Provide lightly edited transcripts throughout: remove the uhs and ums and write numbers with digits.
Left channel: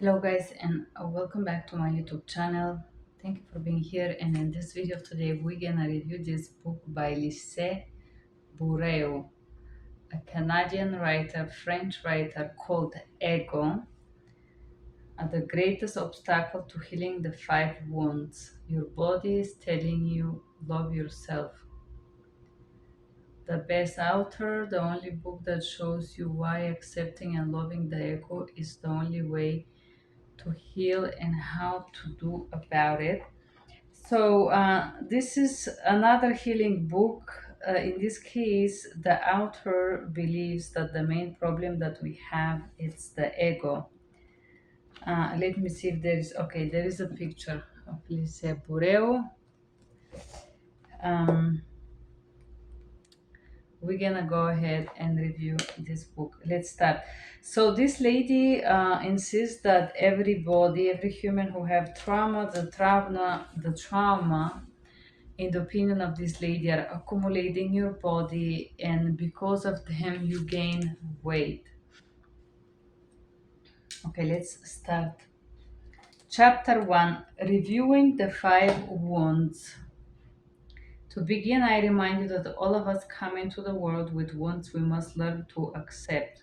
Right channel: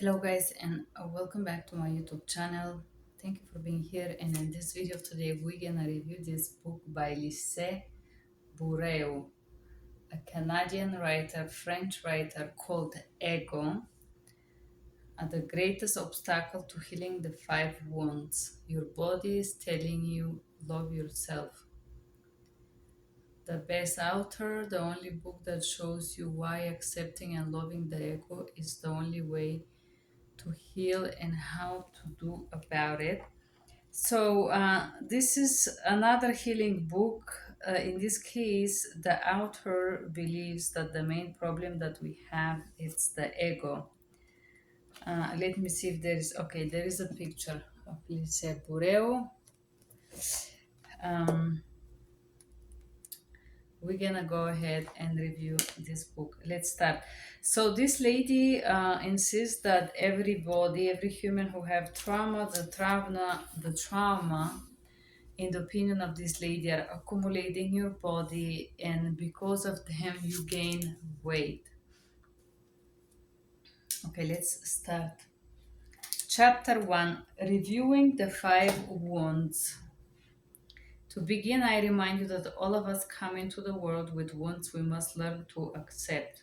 Hello guys, and welcome back to my YouTube channel. Thank you for being here, and in this video today we're gonna review this book by Lise B, a Canadian writer, French writer, called Ego, the greatest obstacle to healing the five wounds. Your body is telling you love yourself. The best author, the only book that shows you why accepting and loving the ego is the only way to heal and how to do about it. So this is another healing book. In this case, the author believes that the main problem that we have is the ego. Let me see if there is, okay, there is a picture of Lise Bureo. Um, we're gonna go ahead and review this book. Let's start. So this lady insists that everybody, every human who have trauma, the trauma in the opinion of this lady are accumulating your body, and because of them you gain weight. Okay, let's start. Chapter 1, reviewing the five wounds. To begin, I remind you that all of us come into the world with wounds we must learn to accept.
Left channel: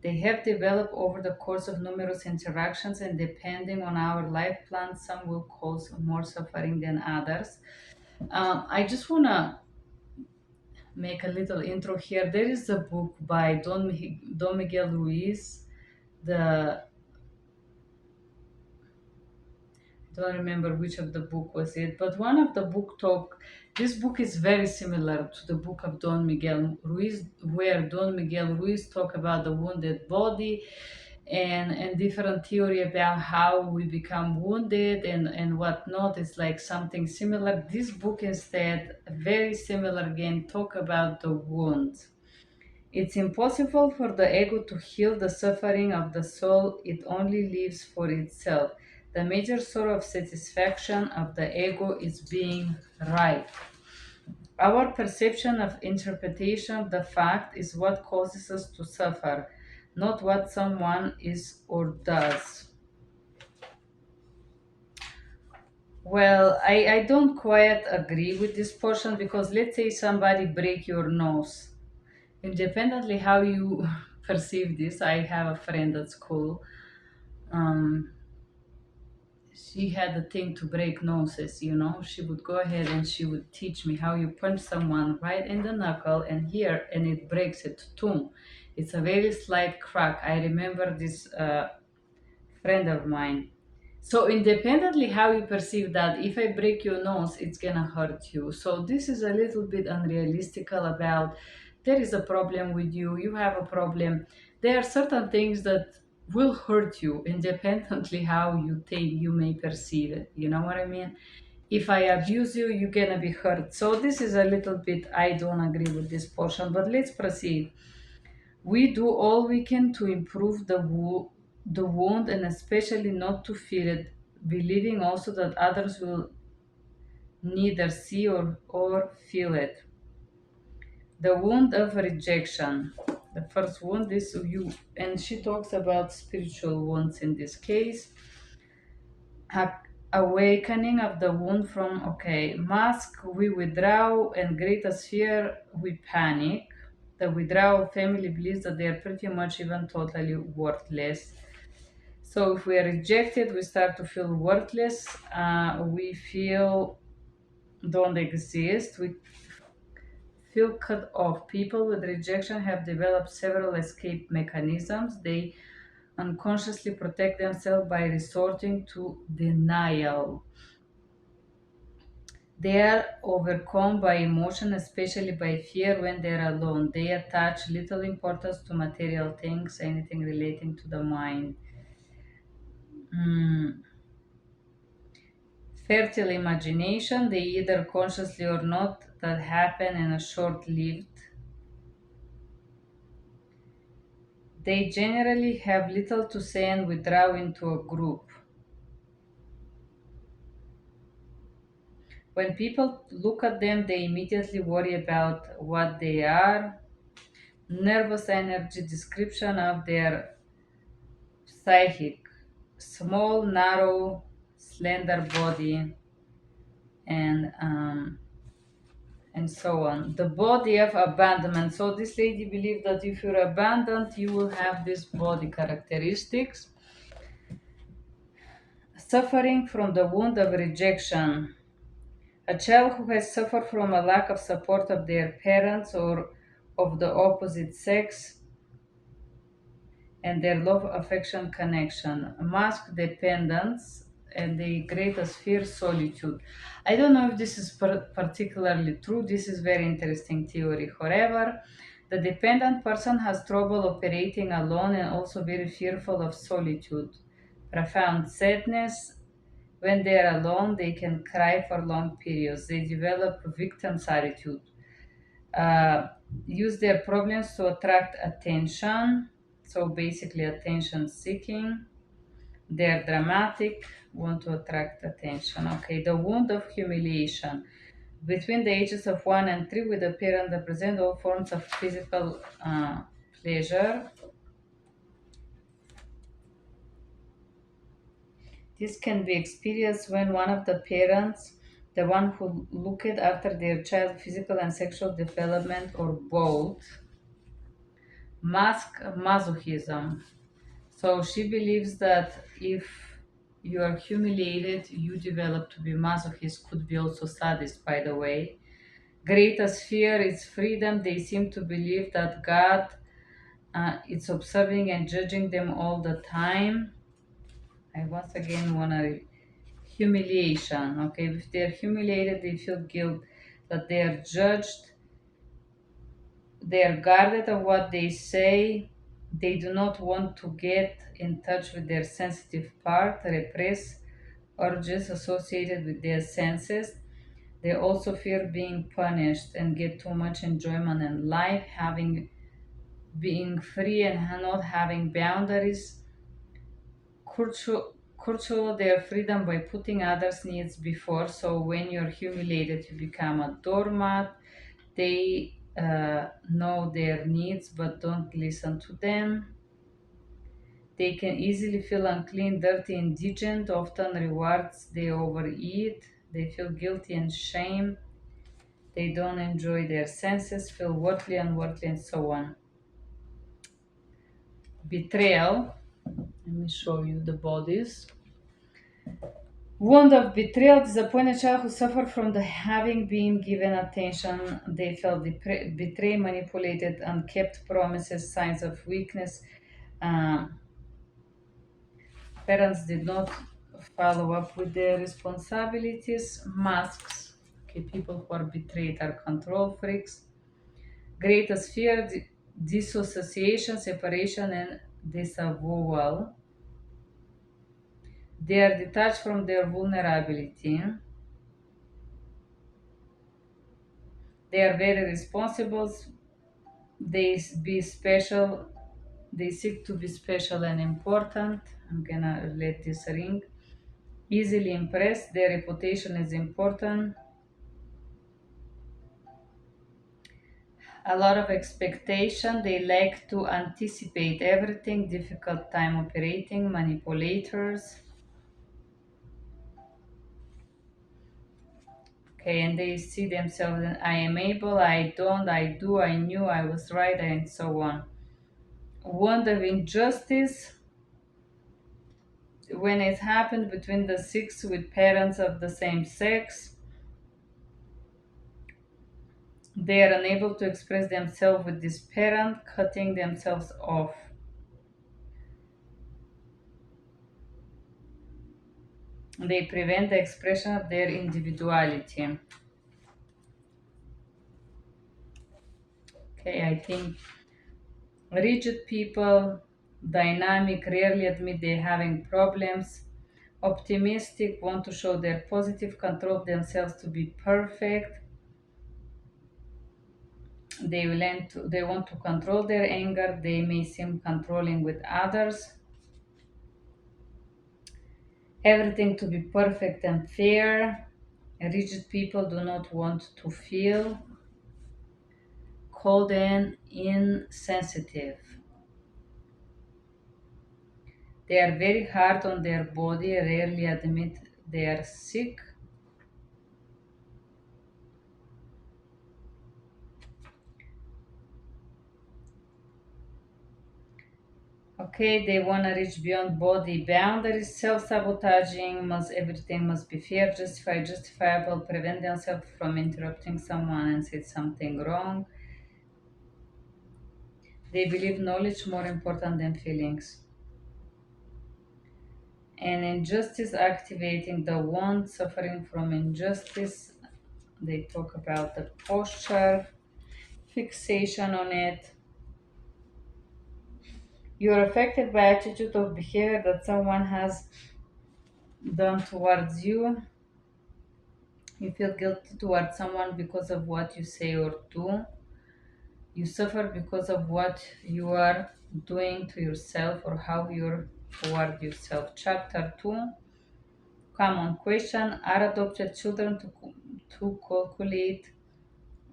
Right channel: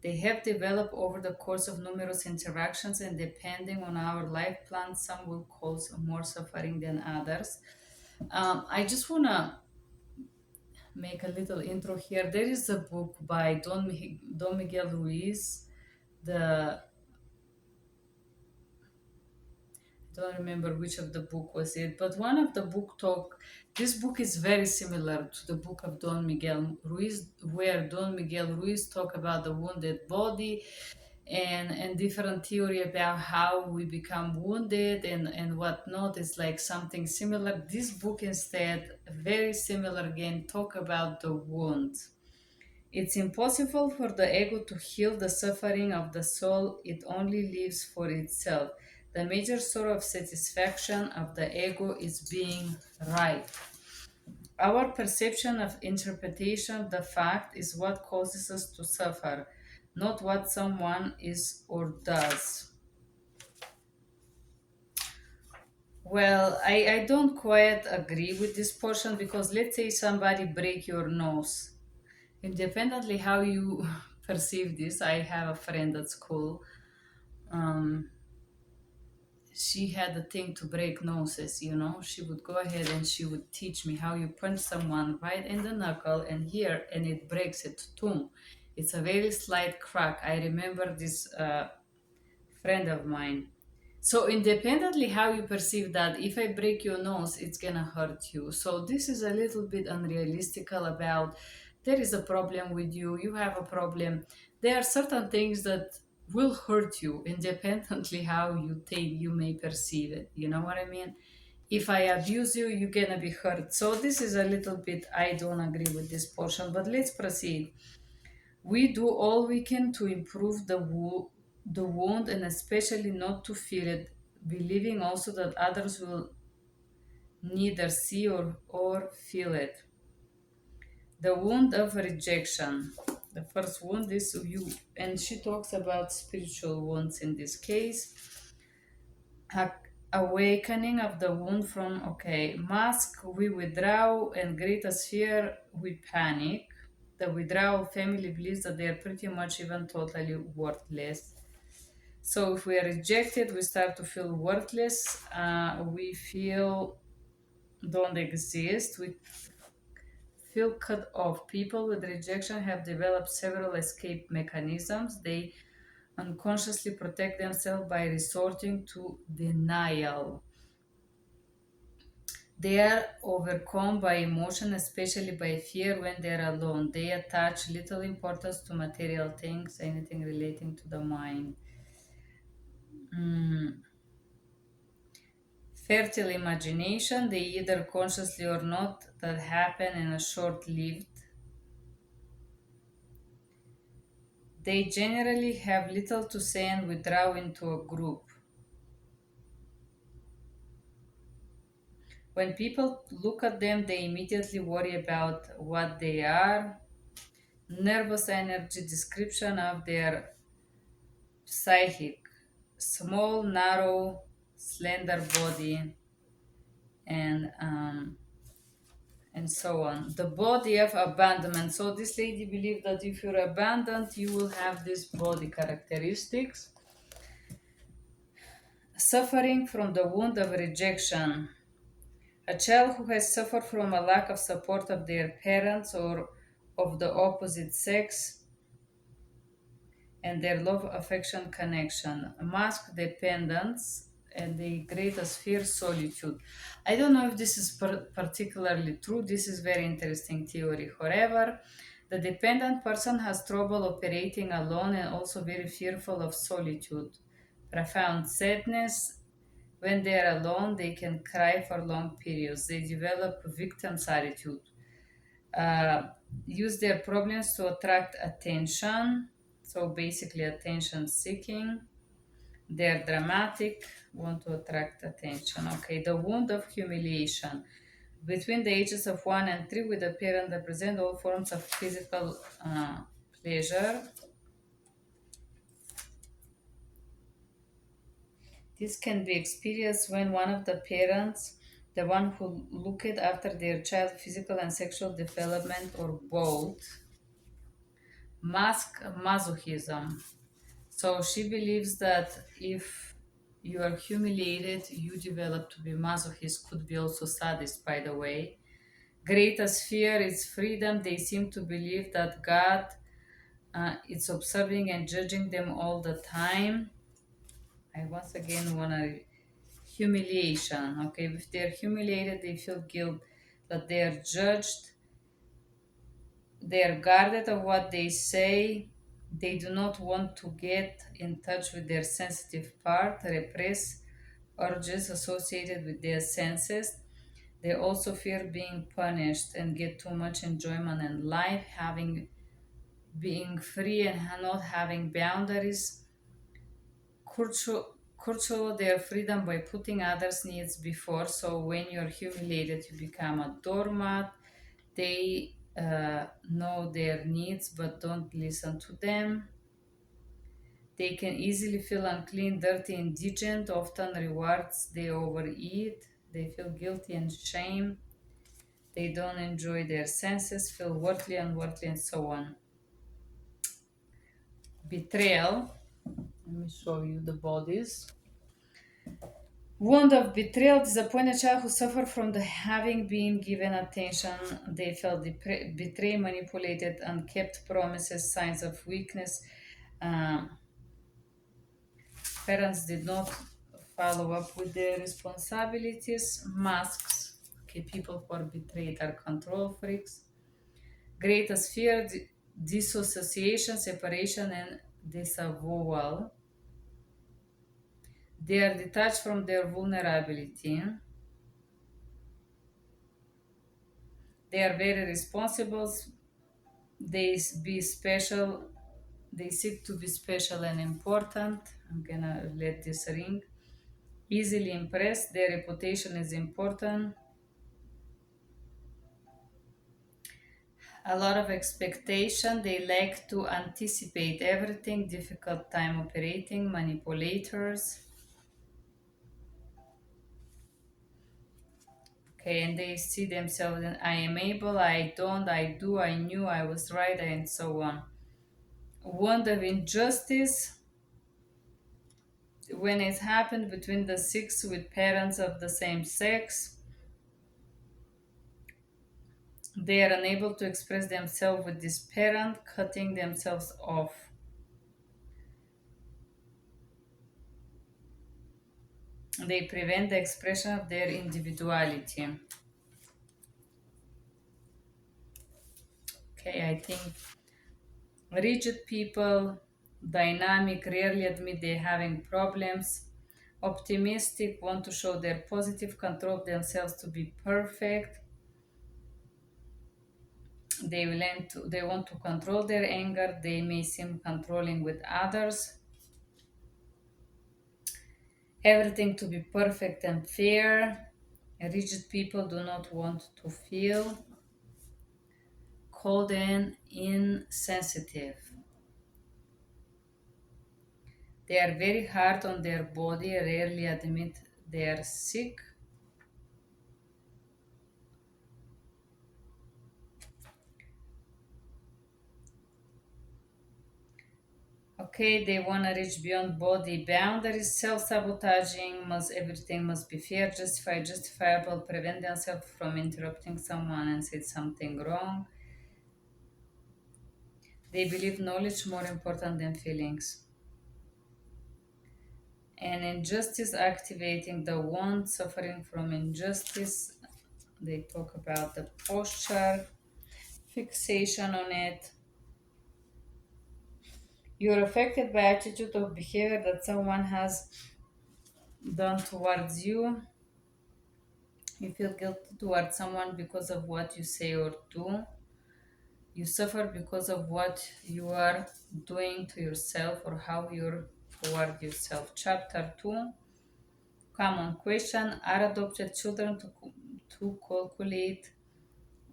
They have developed over the course of numerous interactions, and depending on our life plan, some will cause more suffering than others. I just want to make a little intro here. There is a book by Don Miguel Ruiz. The I don't remember which of the book was it, but one of the book talk. This book is very similar to the book of Don Miguel Ruiz, where Don Miguel Ruiz talk about the wounded body and different theory about how we become wounded and whatnot. Is like something similar. This book instead, very similar again, talk about the wound. It's impossible for the ego to heal the suffering of the soul, it only lives for itself. The major source of satisfaction of the ego is being right. Our perception of interpretation of the fact is what causes us to suffer, not what someone is or does. Well, I don't quite agree with this portion because let's say somebody break your nose. Independently how you perceive this, I have a friend at school. Um, she had a thing to break noses, you know. She would go ahead and she would teach me how you punch someone right in the knuckle and here, and it breaks it. Boom. It's a very slight crack. I remember this friend of mine. So independently how you perceive that, if I break your nose, it's gonna hurt you. So this is a little bit unrealistic about there is a problem with you, you have a problem. There are certain things that will hurt you independently how you think you may perceive it. You know what I mean? If I abuse you, you're gonna be hurt. So this is a little bit, I don't agree with this portion, but let's proceed. We do all we can to improve the wound and especially not to feel it, believing also that others will neither see or feel it. The wound of rejection. The first wound is you, and she talks about spiritual wounds in this case. A- Awakening of the wound from, okay, mask, we withdraw, and greatest fear, we panic. The withdrawal family believes that they are pretty much even totally worthless. So if we are rejected, we start to feel worthless. We feel don't exist. We feel cut off. People with rejection have developed several escape mechanisms. They unconsciously protect themselves by resorting to denial. They are overcome by emotion, especially by fear when they are alone. They attach little importance to material things, anything relating to the mind. Mm. Fertile imagination, they either consciously or not, that happen and are short lived. They generally have little to say and withdraw into a group. When people look at them, they immediately worry about what they are. Nervous energy description of their psychic, small, narrow, slender body, and and so on. The body of abandonment. So this lady believed that if you're abandoned, you will have these body characteristics. Suffering from the wound of rejection. A child who has suffered from a lack of support of their parents or of the opposite sex and their love, affection, connection. Mask dependence and the greatest fear, solitude. I don't know if this is particularly true. This is very interesting theory. However, the dependent person has trouble operating alone and also very fearful of solitude. Profound sadness. When they are alone, they can cry for long periods. They develop victim's attitude. Uh, Use their problems to attract attention. So basically, attention seeking. They're dramatic, want to attract attention. Okay, the wound of humiliation. Between the ages of 1 and 3, with the parent represent all forms of physical pleasure. This can be experienced when one of the parents, the one who looked after their child's physical and sexual development, or both, mask masochism. So she believes that if you are humiliated, you develop to be masochist, could be also sadist, by the way. Greatest fear is freedom. They seem to believe that God is observing and judging them all the time. I once again want to humiliation. Okay, if they're humiliated, they feel guilt that they are judged, they are guarded of what they say. They do not want to get in touch with their sensitive part, repress urges associated with their senses. They also fear being punished and get too much enjoyment in life, having being free and not having boundaries. Curtail their freedom by putting others' needs before. So when you're humiliated, you become a doormat. They know their needs but don't listen to them. They can easily feel unclean, dirty, indigent, often rewards they overeat. They feel guilty and shame. They don't enjoy their senses, feel worthy, unworthy, and so on. Betrayal. Let me show you the bodies. Wound of betrayal, disappointed child who suffered from the having been given attention. They felt betrayed, manipulated, unkept promises, signs of weakness. Um, Parents did not follow up with their responsibilities. Masks. Okay, people who are betrayed are control freaks. Greatest fear, dissociation, separation, and disavowal. They are detached from their vulnerability. They are very responsible. Be special. They seek to be special and important. I'm gonna let this ring. Easily impressed. Their reputation is important. A lot of expectation. They like to anticipate everything. Difficult time operating. Manipulators. Okay, and they see themselves in I am able, I don't, I do, I knew, I was right, and so on. Wound of injustice. When it happened between the six with parents of the same sex, they are unable to express themselves with this parent, cutting themselves off. They prevent the expression of their individuality. Okay, I think rigid people, dynamic, rarely admit they're having problems. Optimistic, want to show their positive, control themselves to be perfect. They want to control their anger. They may seem controlling with others. Everything to be perfect and fair. Rigid people do not want to feel. Cold and insensitive. They are very hard on their body, rarely admit they are sick. Okay, they want to reach beyond body boundaries, self-sabotaging, must everything must be fair, justified, justifiable, prevent themselves from interrupting someone and say something wrong. They believe knowledge more important than feelings. And injustice activating the one suffering from injustice. They talk about the posture, fixation on it. You are affected by attitude of behavior that someone has done towards you. You feel guilty towards someone because of what you say or do. You suffer because of what you are doing to yourself or how you're toward yourself. Chapter 2. Common question. Are adopted children to calculate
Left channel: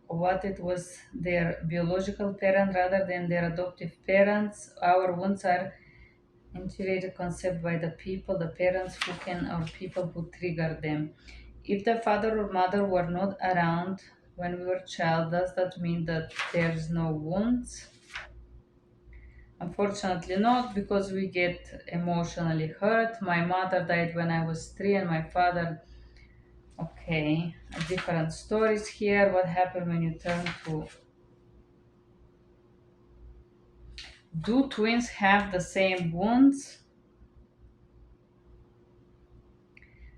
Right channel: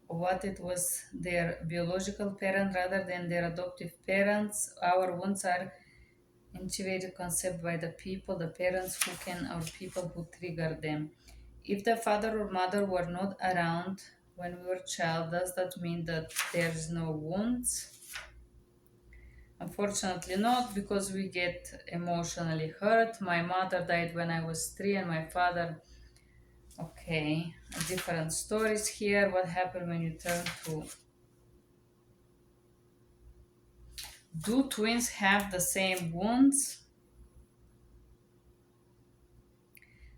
what it was their biological parent rather than their adoptive parents? Our wounds are intuited concept by the people, the parents who can, or people who trigger them. If the father or mother were not around when we were child, does that mean that there's no wounds? Unfortunately not, because we get emotionally hurt. My mother died when I was 3 and my father, okay, different stories here. What happened when you turn to, do twins have the same wounds?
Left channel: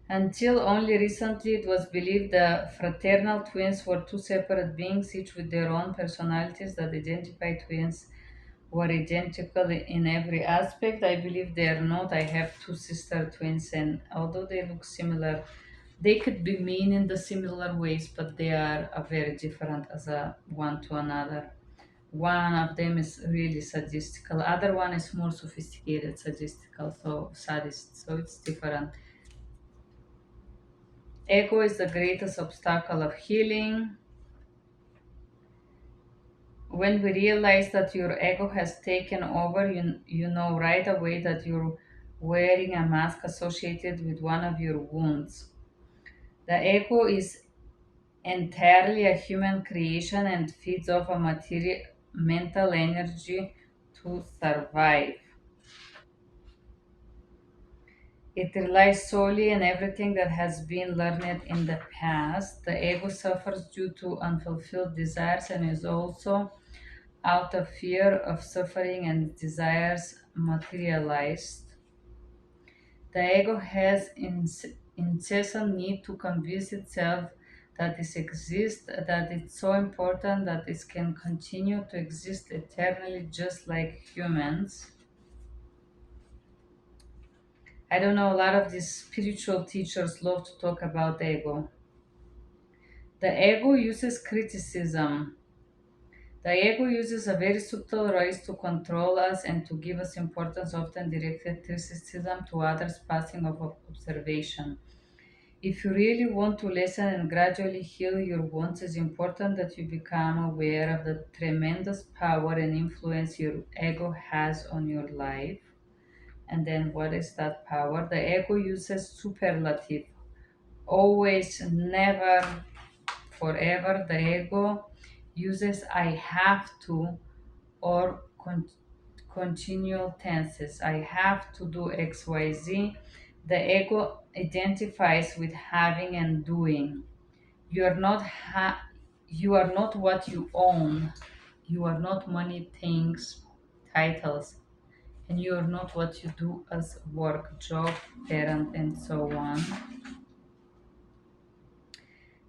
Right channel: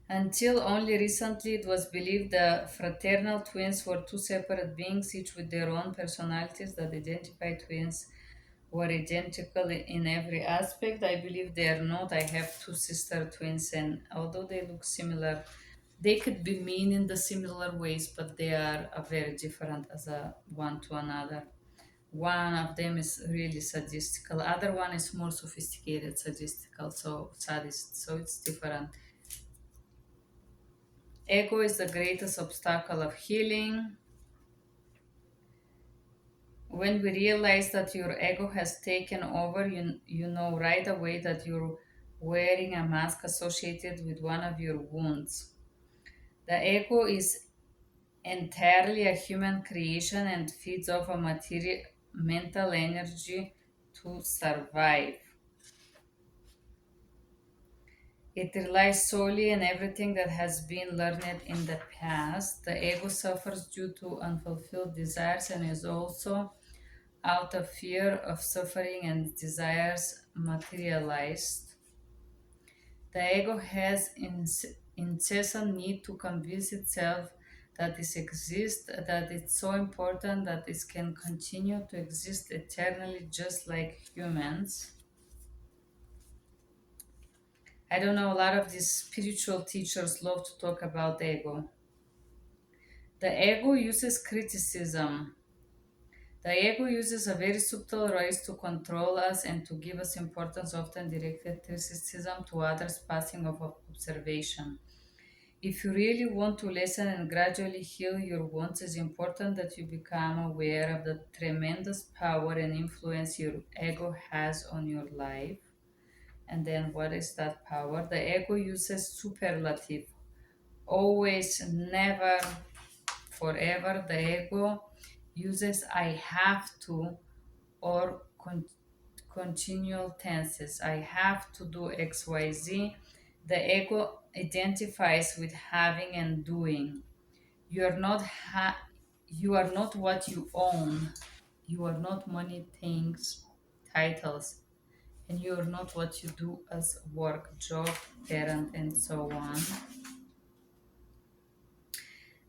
Until only recently, it was believed the fraternal twins were two separate beings, each with their own personalities, that identified twins were identical in every aspect. I believe they are not. I have two sister twins, and although they look similar, they could be mean in the similar ways, but they are very different as a one to another. One of them is really sadistical, other one is more sophisticated sadistical, so sadist, so it's different. Ego is the greatest obstacle of healing. When we realize that your ego has taken over, you know right away that you're wearing a mask associated with one of your wounds. The ego is entirely a human creation and feeds off a material mental energy to survive. It relies solely on everything that has been learned in the past. The ego suffers due to unfulfilled desires and is also out of fear of suffering and desires materialized. The ego has incessant need to convince itself that it exists, that it's so important that it can continue to exist eternally just like humans. I don't know, a lot of these spiritual teachers love to talk about the ego. The ego uses criticism. The ego uses a very subtle ways to control us and to give us importance, often directed criticism to others, passing of observation. If you really want to listen and gradually heal your wounds, it's important that you become aware of the tremendous power and influence your ego has on your life. And then, what is that power? The ego uses superlative. Always, never, forever. The ego uses I have to or continual tenses. I have to do XYZ. The ego identifies with having and doing. You are not you are not what you own. You are not money, things, titles, and you are not what you do as work, job, parent, and so on.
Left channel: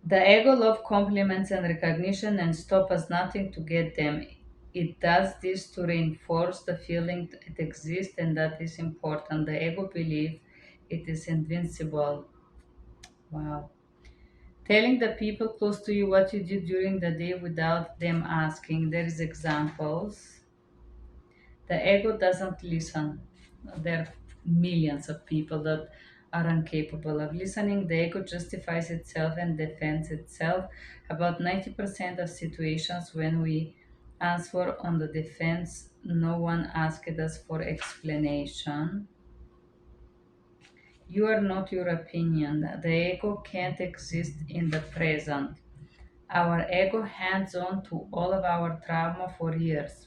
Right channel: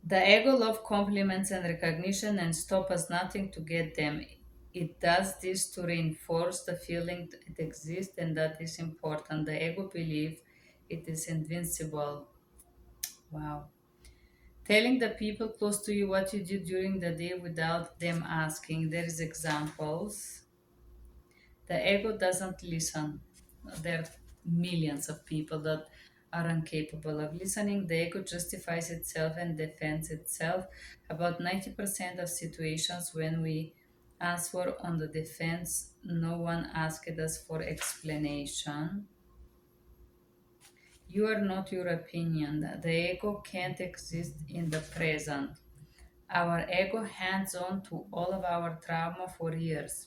The ego loves compliments and recognition and stop us nothing to get them. It does this to reinforce the feeling that it exists and that is important. The ego believes it is invincible. Wow. Telling the people close to you what you did during the day without them asking. There is examples. The ego doesn't listen. There are millions of people that are incapable of listening. The ego justifies itself and defends itself. About 90% of situations when we answer on the defense, no one asked us for explanation. You are not your opinion. The ego can't exist in the present. Our ego hangs on to all of our trauma for years.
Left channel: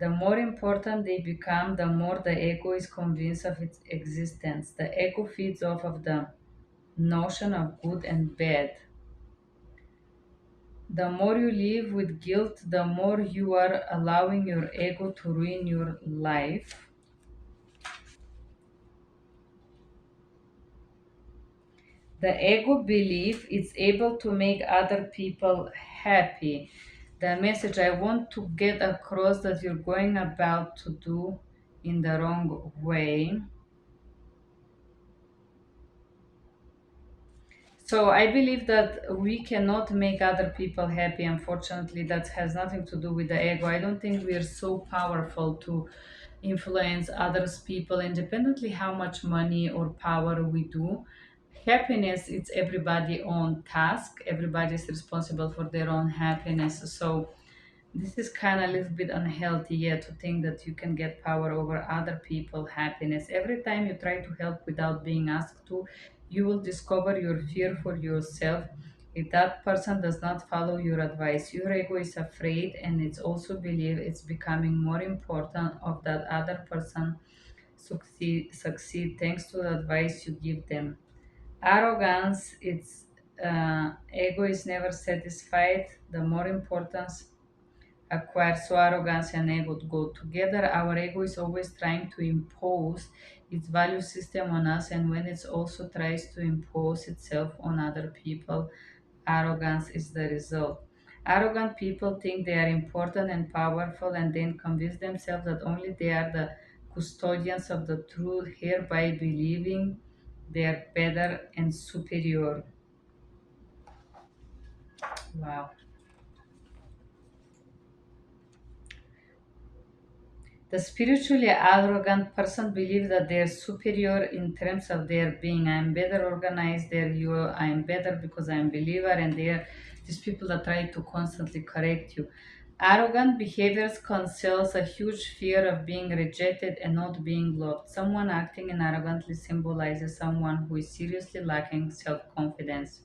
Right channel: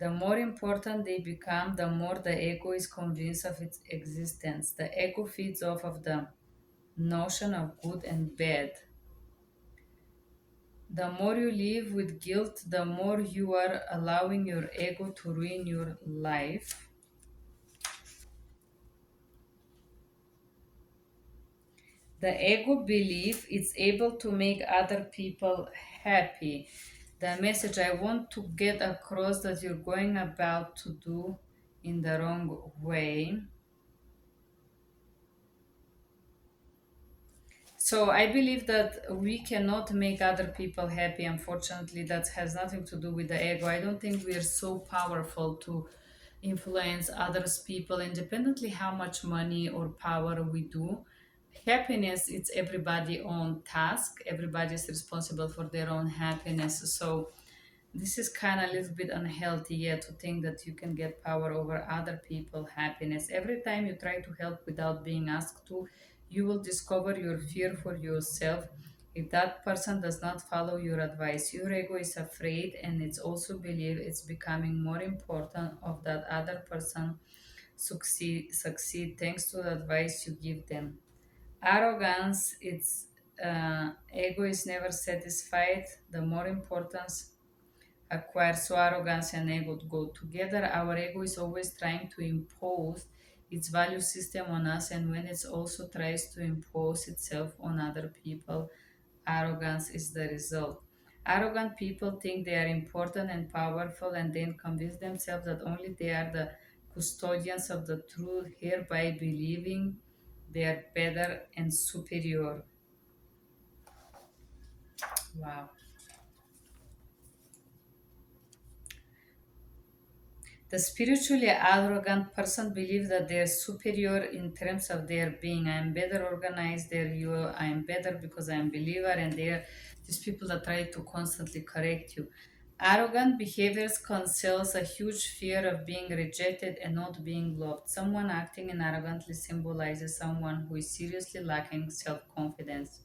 The more important they become, the more the ego is convinced of its existence. The ego feeds off of the notion of good and bad. The more you live with guilt, the more you are allowing your ego to ruin your life. The ego believes it's able to make other people happy. The message I want to get across that you're going about to do in the wrong way. So I believe that we cannot make other people happy. Unfortunately, that has nothing to do with the ego. I don't think we are so powerful to influence others people independently how much money or power we do. Happiness, it's everybody own task. Everybody is responsible for their own happiness. So this is kind of a little bit unhealthy, yeah, to think that you can get power over other people's happiness. Every time you try to help without being asked to, you will discover your fear for yourself. If that person does not follow your advice, your ego is afraid, and it's also believe it's becoming more important of that other person succeed thanks to the advice you give them. Arrogance, it's ego is never satisfied. The more importance acquire, so arrogance and ego go together. Our ego is always trying to impose its value system on us, and when it also tries to impose itself on other people, arrogance is the result. Arrogant people think they are important and powerful and then convince themselves that only they are the custodians of the truth, hereby believing they are better and superior. Wow. The spiritually arrogant person believes that they are superior in terms of their being. I am better organized than you. I am better because I am believer, and they are these people that try to constantly correct you. Arrogant behaviors conceals a huge fear of being rejected and not being loved. Someone acting in arrogantly symbolizes someone who is seriously lacking self-confidence.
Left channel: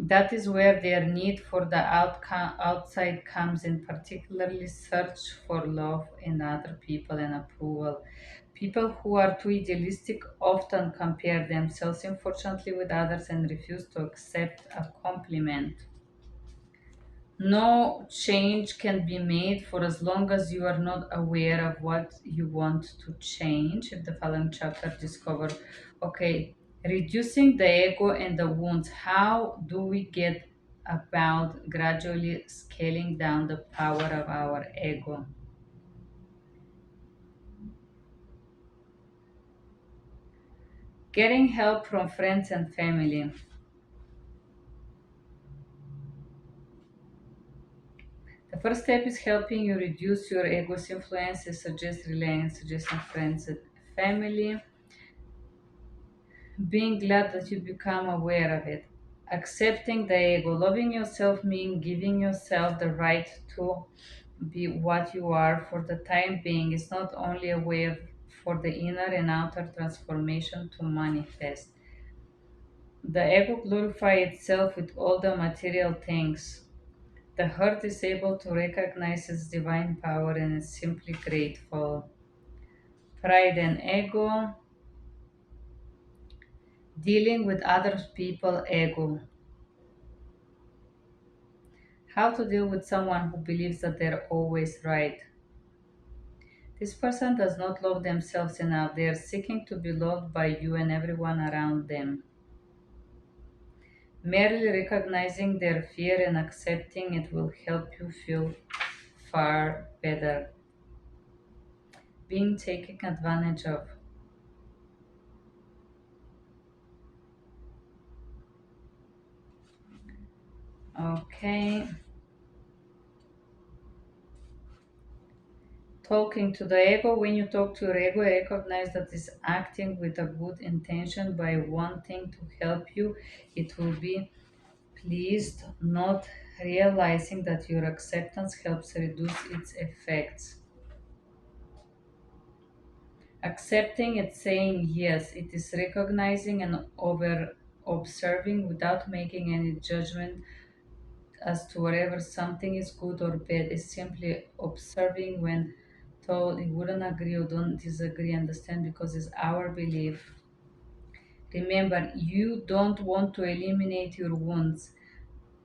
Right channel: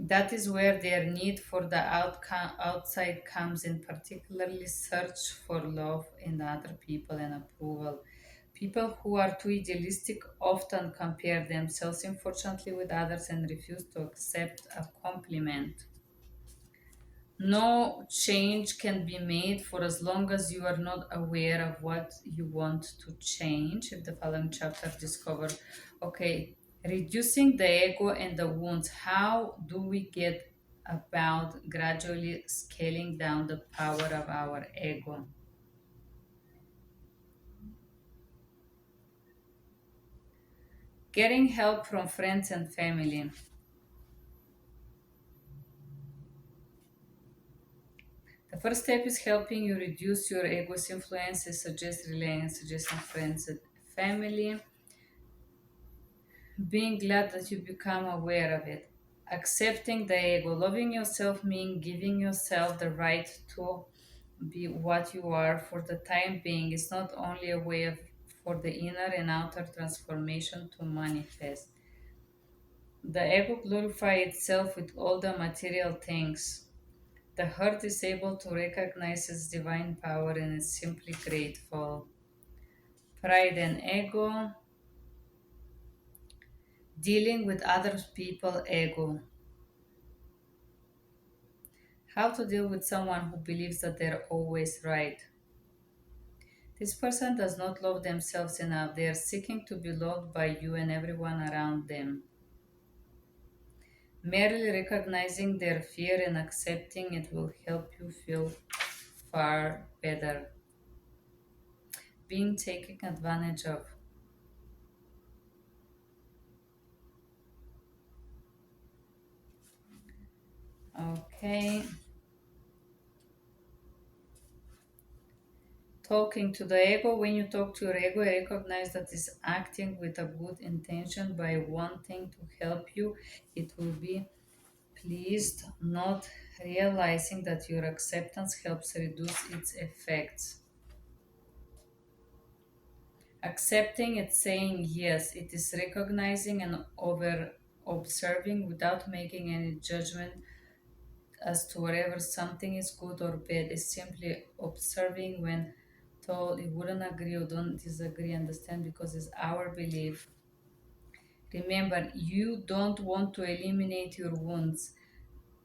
That is where their need for the outside comes in, particularly search for love in other people and approval. People who are too idealistic often compare themselves, unfortunately, with others and refuse to accept a compliment. No change can be made for as long as you are not aware of what you want to change. If the following chapter discover, okay, reducing the ego and the wounds. How do we get about gradually scaling down the power of our ego? Getting help from friends and family. The first step is helping you reduce your ego's influences. Suggest relying, suggesting friends and family. Being glad that you become aware of it. Accepting the ego. Loving yourself means giving yourself the right to be what you are for the time being. It's not only a way of, for the inner and outer transformation to manifest. The ego glorifies itself with all the material things. The heart is able to recognize its divine power and is simply grateful. Pride and ego. Dealing with other people ego. How to deal with someone who believes that they're always right. This person does not love themselves enough. They are seeking to be loved by you and everyone around them. Merely recognizing their fear and accepting it will help you feel far better. Being taken advantage of. Okay. Talking to the ego. When you talk to your ego, recognize that it's acting with a good intention by wanting to help you. It will be pleased, not realizing that your acceptance helps reduce its effects. Accepting it, saying yes, it is recognizing and over observing without making any judgment as to whether something is good or bad. Is simply observing when told it wouldn't agree or don't disagree, understand because it's our belief. Remember, you don't want to eliminate your wounds.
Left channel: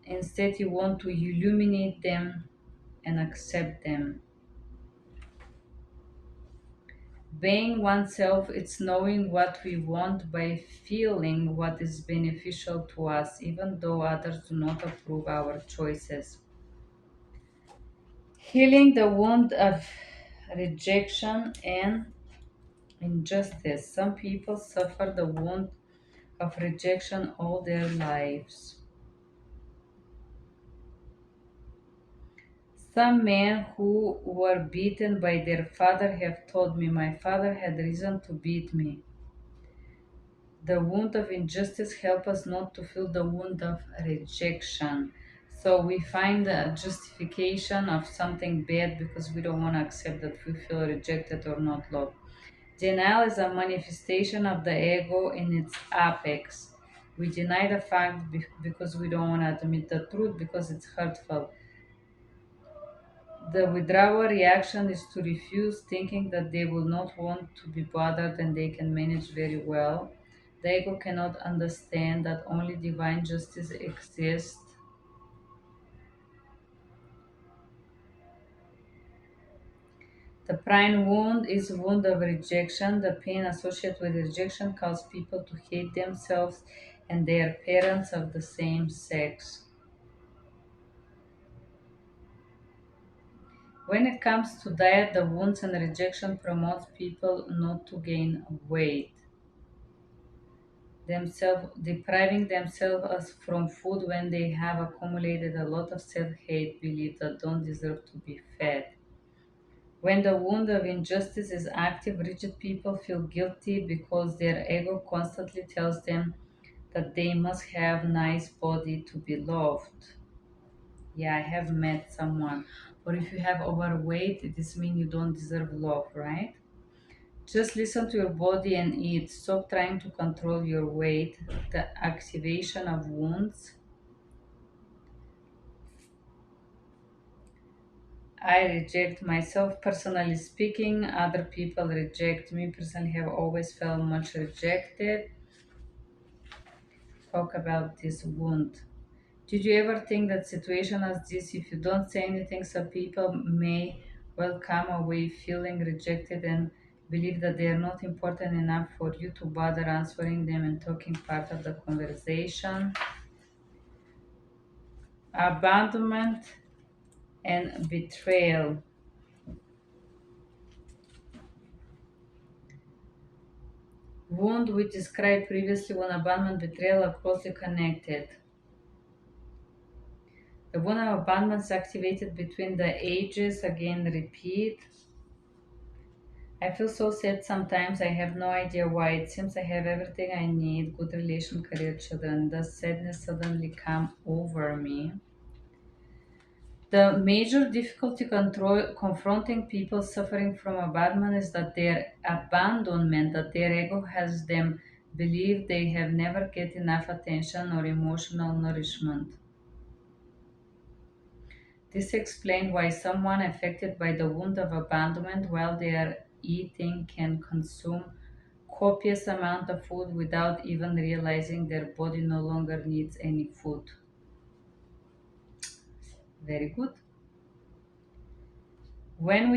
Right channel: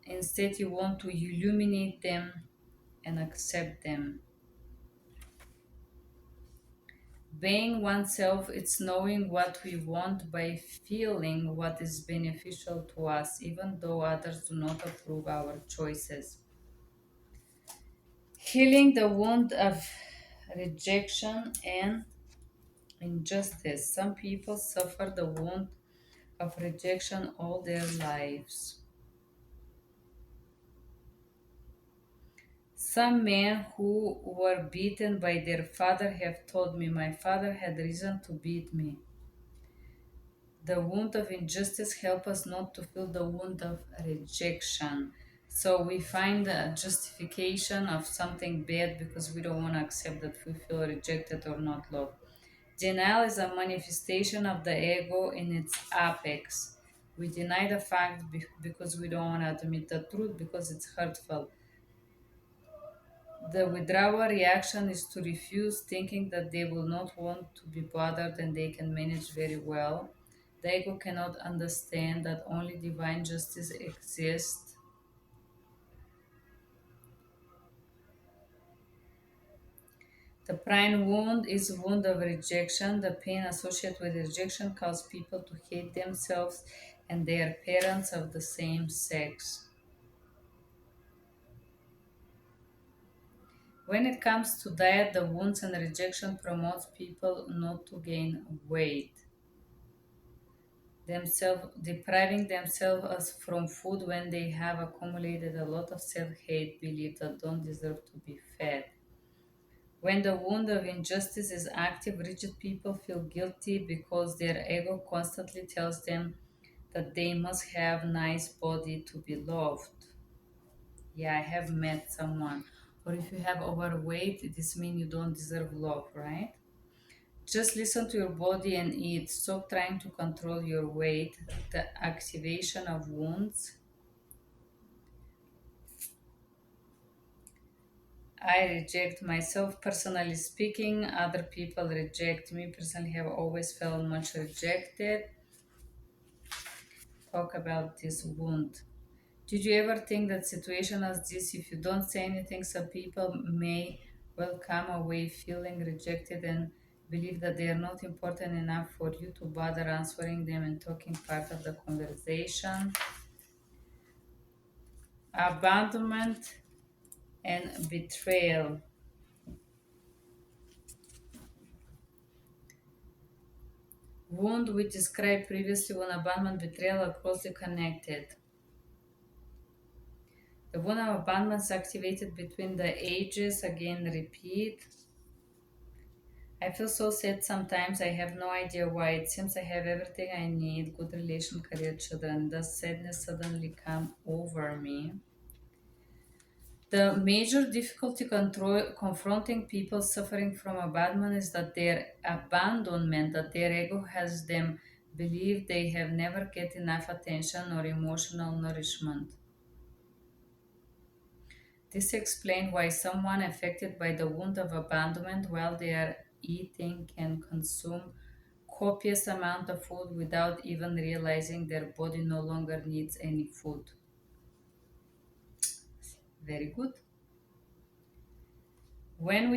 Instead, you want to illuminate them and accept them. Being oneself, it's knowing what we want by feeling what is beneficial to us, even though others do not approve our choices. Healing the wound of rejection and injustice. Some people suffer the wound of rejection all their lives. Some men who were beaten by their father have told me my father had reason to beat me. The wound of injustice help us not to feel the wound of rejection. So we find a justification of something bad because we don't want to accept that we feel rejected or not loved. Denial is a manifestation of the ego in its apex. We deny the fact because we don't want to admit the truth because it's hurtful. The withdrawal reaction is to refuse, thinking that they will not want to be bothered and they can manage very well. The ego cannot understand that only divine justice exists. The prime wound is wound of rejection. The pain associated with rejection causes people to hate themselves and their parents of the same sex. When it comes to diet, the wounds and rejection promotes people not to gain weight. Themselves depriving themselves from food when they have accumulated a lot of self-hate belief that don't deserve to be fed. When the wound of injustice is active, rigid people feel guilty because their ego constantly tells them that they must have nice body to be loved. Yeah, I have met someone. Or if you have overweight, this means you don't deserve love, right? Just listen to your body and eat. Stop trying to control your weight. The activation of wounds. I reject myself. Personally speaking, other people reject me. Personally, have always felt much rejected. Talk about this wound. Did you ever think that situation as this, if you don't say anything, some people may well come away feeling rejected and believe that they are not important enough for you to bother answering them and talking part of the conversation? Abandonment and betrayal. Wound we described previously when abandonment and betrayal are closely connected. The wound of abandonment is activated between the ages, again repeat. I feel so sad sometimes. I have no idea why. It seems I have everything I need, good relation, career, children. Does sadness suddenly come over me? The major difficulty confronting people suffering from abandonment is that their abandonment, that their ego has them believe they have never get enough attention or emotional nourishment. This explains why someone affected by the wound of abandonment while they are eating can consume copious amount of food without even realizing their body no longer needs any food. Very good. When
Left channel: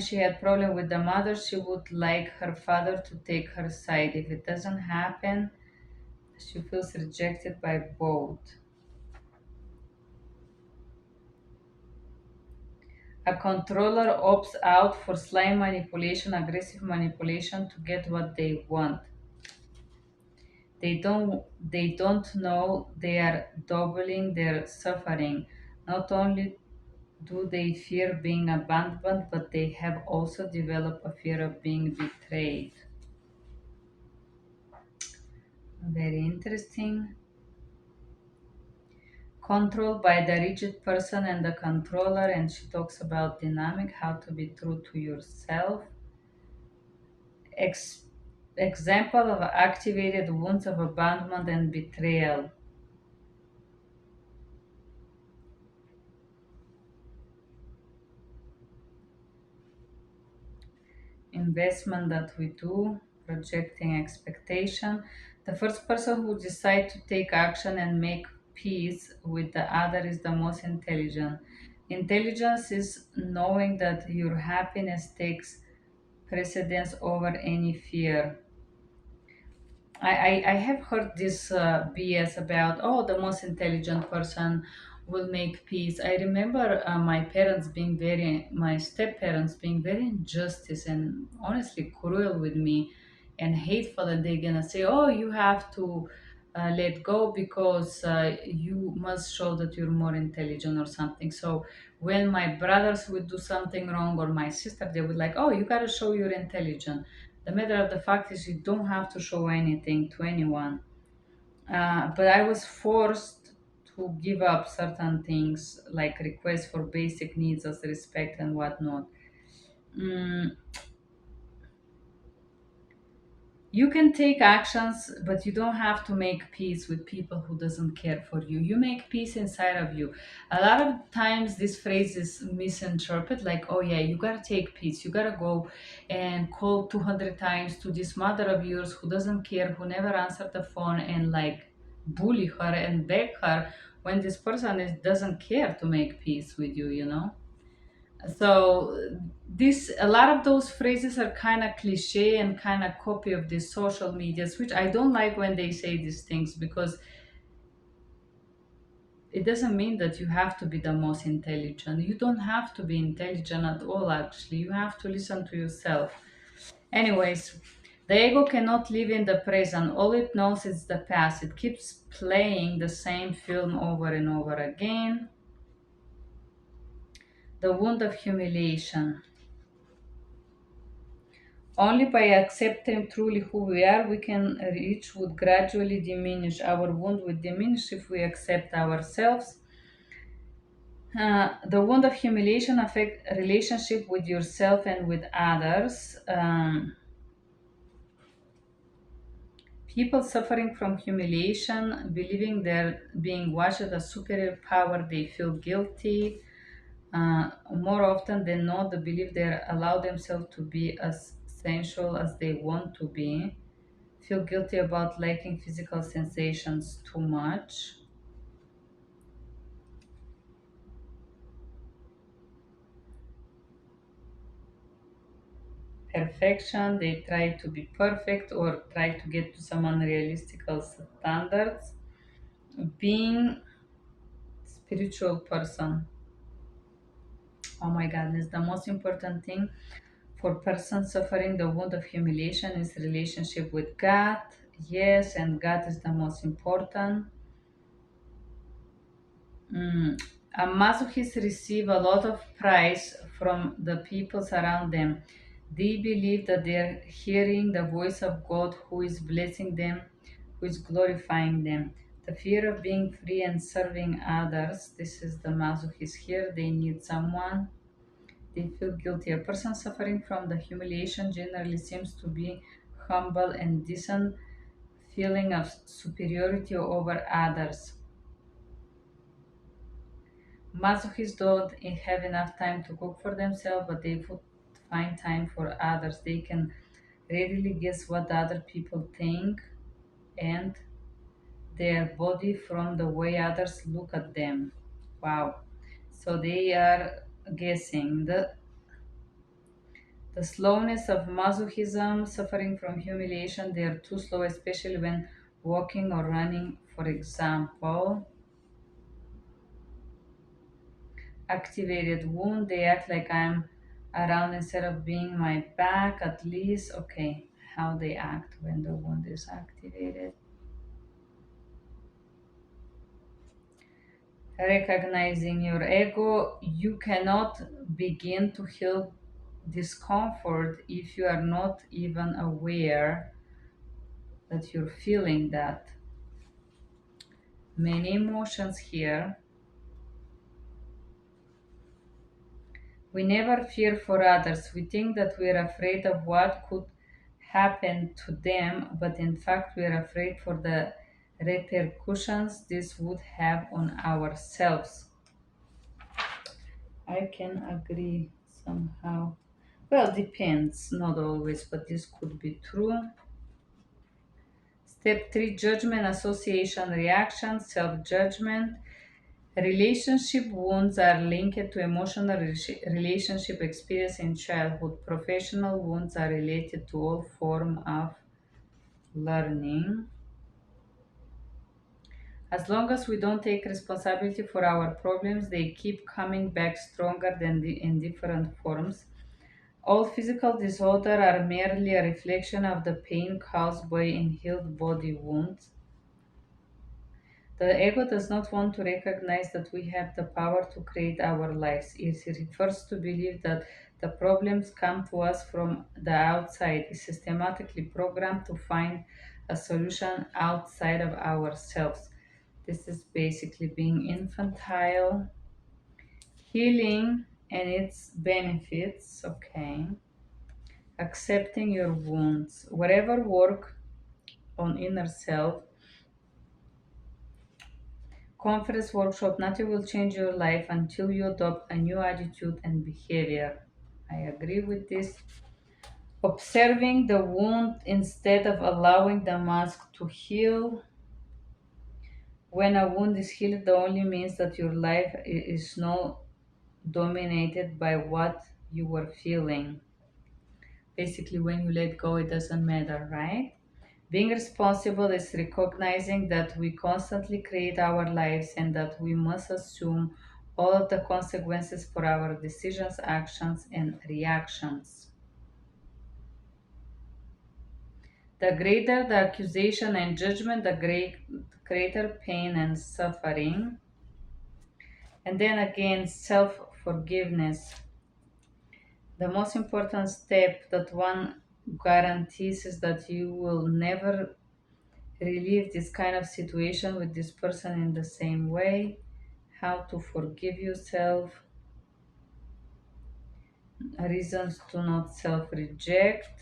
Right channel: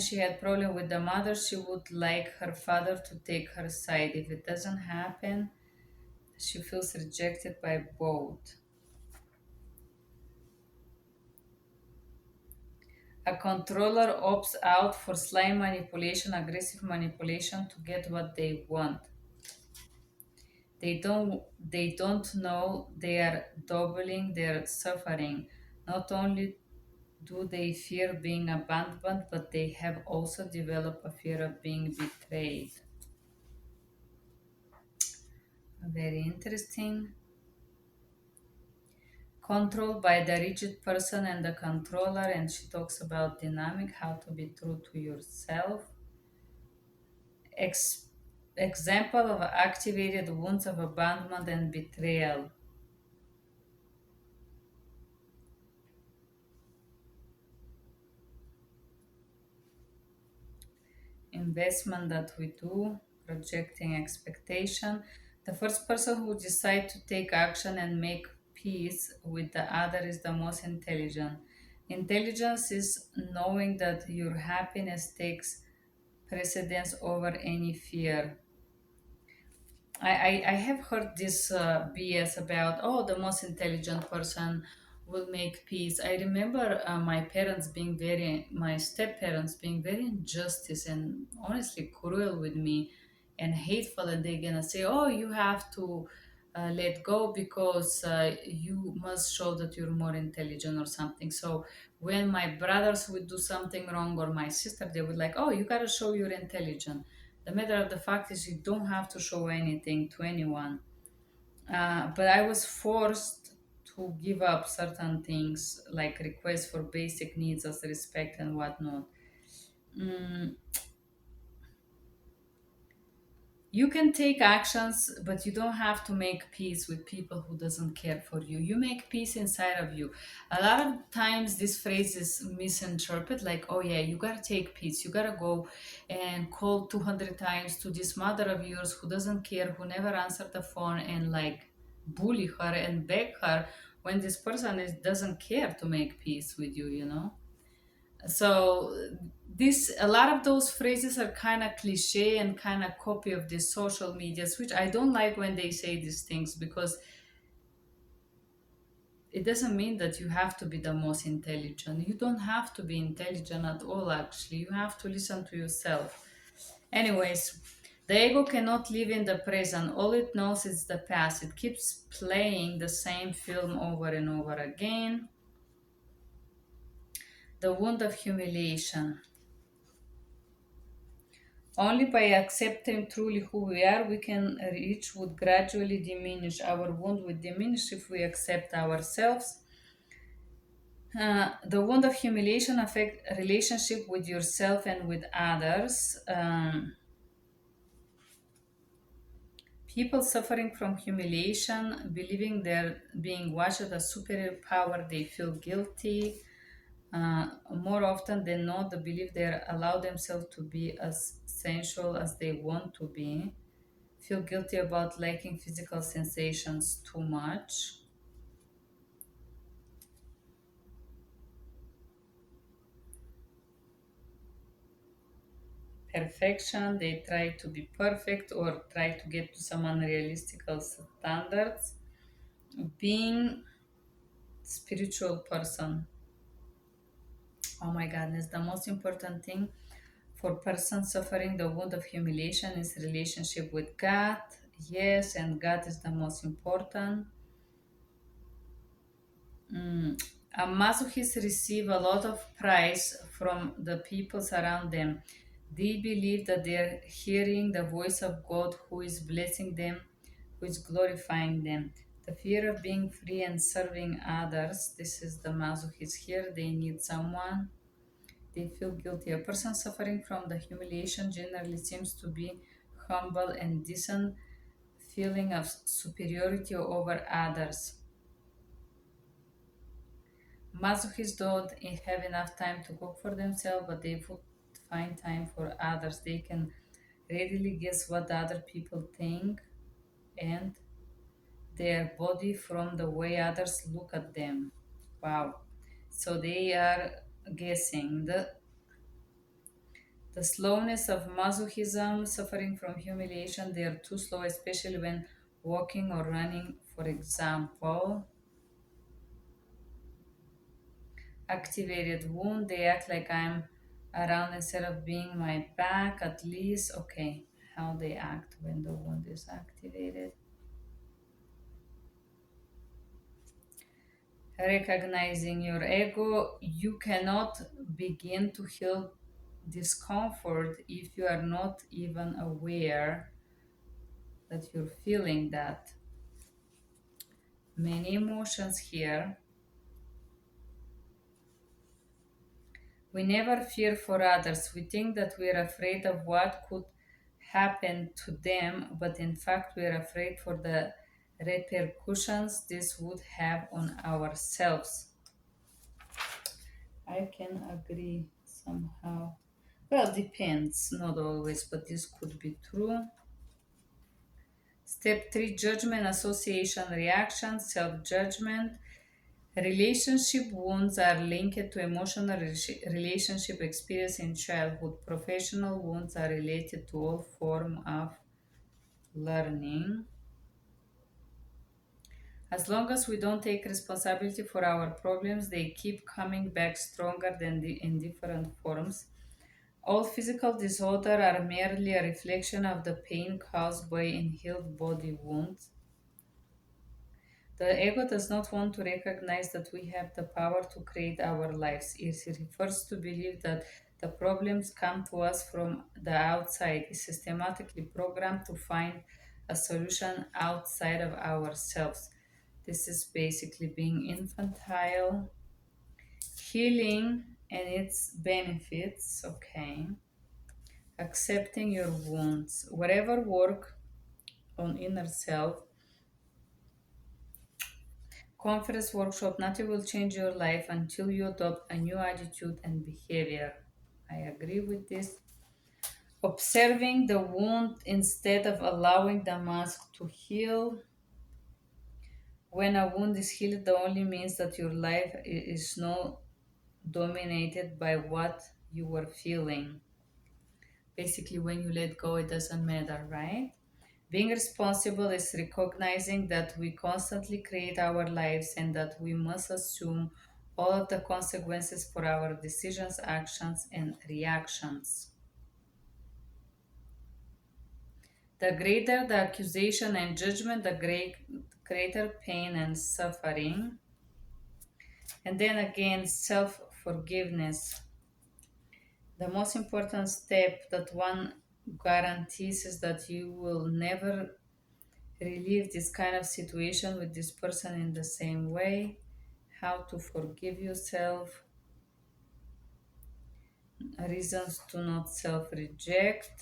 she had problem with the mother, she would like her father to take her side. If it doesn't happen, she feels rejected by both. A controller opts out for sly manipulation, aggressive manipulation to get what they want. They don't know they are doubling their suffering. Not only do they fear being abandoned, but they have also developed a fear of being betrayed. Very interesting. Controlled by the rigid person and the controller, and she talks about dynamic, how to be true to yourself. Ex- Example of activated wounds of abandonment and betrayal. Investment that we do, projecting expectation. The first person who decides to take action and make peace with the other is the most intelligent. Intelligence is knowing that your happiness takes precedence over any fear. I have heard this BS about, oh, the most intelligent person will make peace. I remember my step parents being very injustice and honestly cruel with me and hateful. And they're gonna say, oh, you have to let go because you must show that you're more intelligent or something. So when my brothers would do something wrong or my sister, they would like, oh, you gotta show you're intelligent. The matter of the fact is, you don't have to show anything to anyone. But I was forced to give up certain things like requests for basic needs as respect and whatnot. Mm, you can take actions, but you don't have to make peace with people who doesn't care for you. You make peace inside of you. A lot of times this phrase is misinterpreted like, oh yeah, you gotta take peace, you gotta go and call 200 times to this mother of yours who doesn't care, who never answered the phone, and like bully her and beg her when this person doesn't care to make peace with you, you know. So this, a lot of those phrases are kind of cliche and kind of copy of the social medias, which I don't like when they say these things, because it doesn't mean that you have to be the most intelligent. You don't have to be intelligent at all, actually. You have to listen to yourself. Anyways, the ego cannot live in the present. All it knows is the past. It keeps playing the same film over and over again. The wound of humiliation. Only by accepting truly who we are, we can reach would gradually diminish. Our wound would diminish if we accept ourselves. The wound of humiliation affect relationship with yourself and with others. People suffering from humiliation, believing they're being watched as a superior power, they feel guilty. More often than not, they believe they allow themselves to be as sensual as they want to be, feel guilty about liking physical sensations too much. Perfection, they try to be perfect or try to get to some unrealistic standards. Being spiritual person, oh my goodness, the most important thing for person suffering the wound of humiliation is relationship with God. Yes, and God is the most important. Mm, masochists receive a lot of praise from the peoples around them. They believe that they're hearing the voice of God who is blessing them, who is glorifying them. The fear of being free and serving others, this is the masochist here. They need someone. They feel guilty. A person suffering from the humiliation generally seems to be humble and decent, feeling of superiority over others. Masochists don't have enough time to cook for themselves, but they would find time for others. They can readily guess what other people think and their body from the way others look at them. Wow. So they are guessing. The slowness of masochism, suffering from humiliation, they are too slow, especially when walking or running, for example. Activated wound, they act like I'm around instead of being my back, at least. Okay, how they act when the wound is activated. Recognizing your ego, you cannot begin to heal discomfort if you are not even aware that you're feeling that. Many emotions here. We never fear for others. We think that we're afraid of what could happen to them, but in fact we are afraid for the repercussions this would have on ourselves. I can agree somehow. Well, depends, not always, but this could be true. Step 3, judgment, association, reaction, self judgment. Relationship wounds are linked to emotional relationship experience in childhood. Professional wounds are related to all form of learning. As long as we don't take responsibility for our problems, they keep coming back stronger than in different forms. All physical disorders are merely a reflection of the pain caused by unhealed body wounds. The ego does not want to recognize that we have the power to create our lives. It refers to believe that the problems come to us from the outside, is systematically programmed to find a solution outside of ourselves. This is basically being infantile, healing and its benefits, okay? Accepting your wounds. Whatever work on inner self, conference workshop, nothing will change your life until you adopt a new attitude and behavior. I agree with this. Observing the wound instead of allowing the mask to heal. When a wound is healed, it only means that your life is not dominated by what you were feeling. Basically, when you let go, it doesn't matter, right? Being responsible is recognizing that we constantly create our lives and that we must assume all of the consequences for our decisions, actions, and reactions. The greater the accusation and judgment, the greater pain and suffering. And then again, self forgiveness. The most important step that one guarantees is that you will never relive this kind of situation with this person in the same way. How to forgive yourself, reasons to not self reject,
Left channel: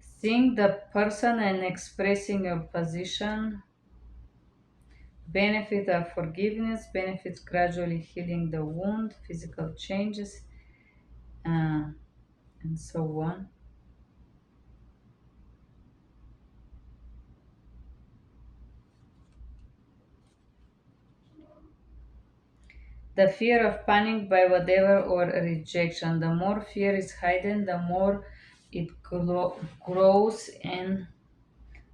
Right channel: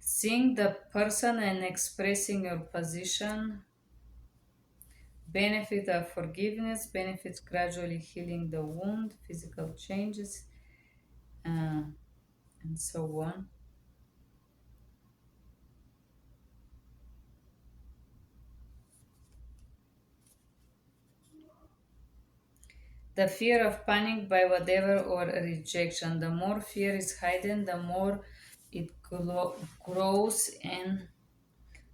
seeing the person and expressing your position, benefit of forgiveness, benefits gradually healing the wound, physical changes, uh, and so on. The fear of panic by whatever or rejection. The more fear is hidden, the more it grows in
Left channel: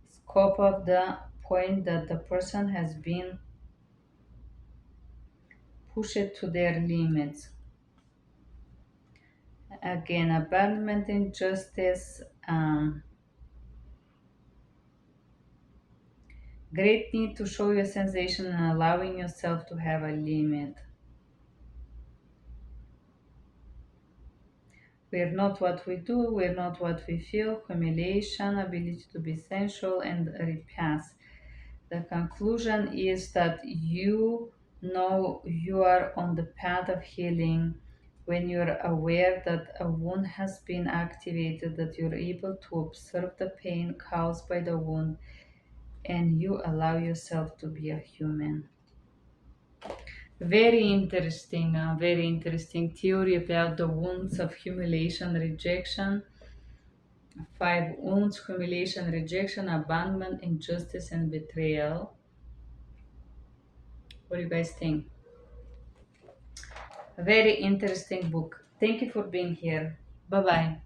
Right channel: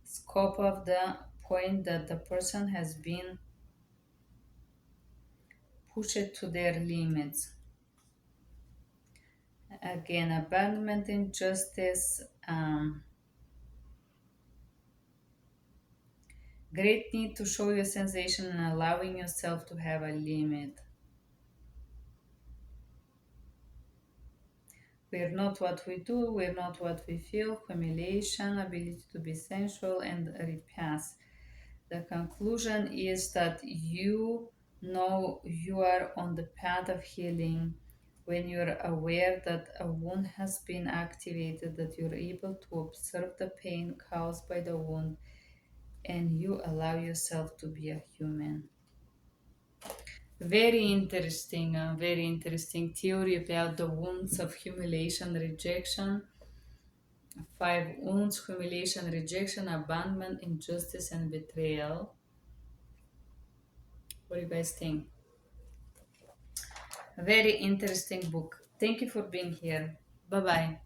scope of the point that the person has been pushed to their limits. Again, abandonment, injustice, great need to show your sensation and allowing yourself to have a limit. We're not what we do, we're not what we feel, humiliation, ability to be sensual, and repass. The conclusion is that you know you are on the path of healing when you're aware that a wound has been activated, that you're able to observe the pain caused by the wound, and you allow yourself to be a human. Very interesting theory about the wounds of humiliation, rejection. Five wounds: humiliation, rejection, abandonment, injustice, and betrayal. What do you guys think? A very interesting book. Thank you for being here. Bye bye.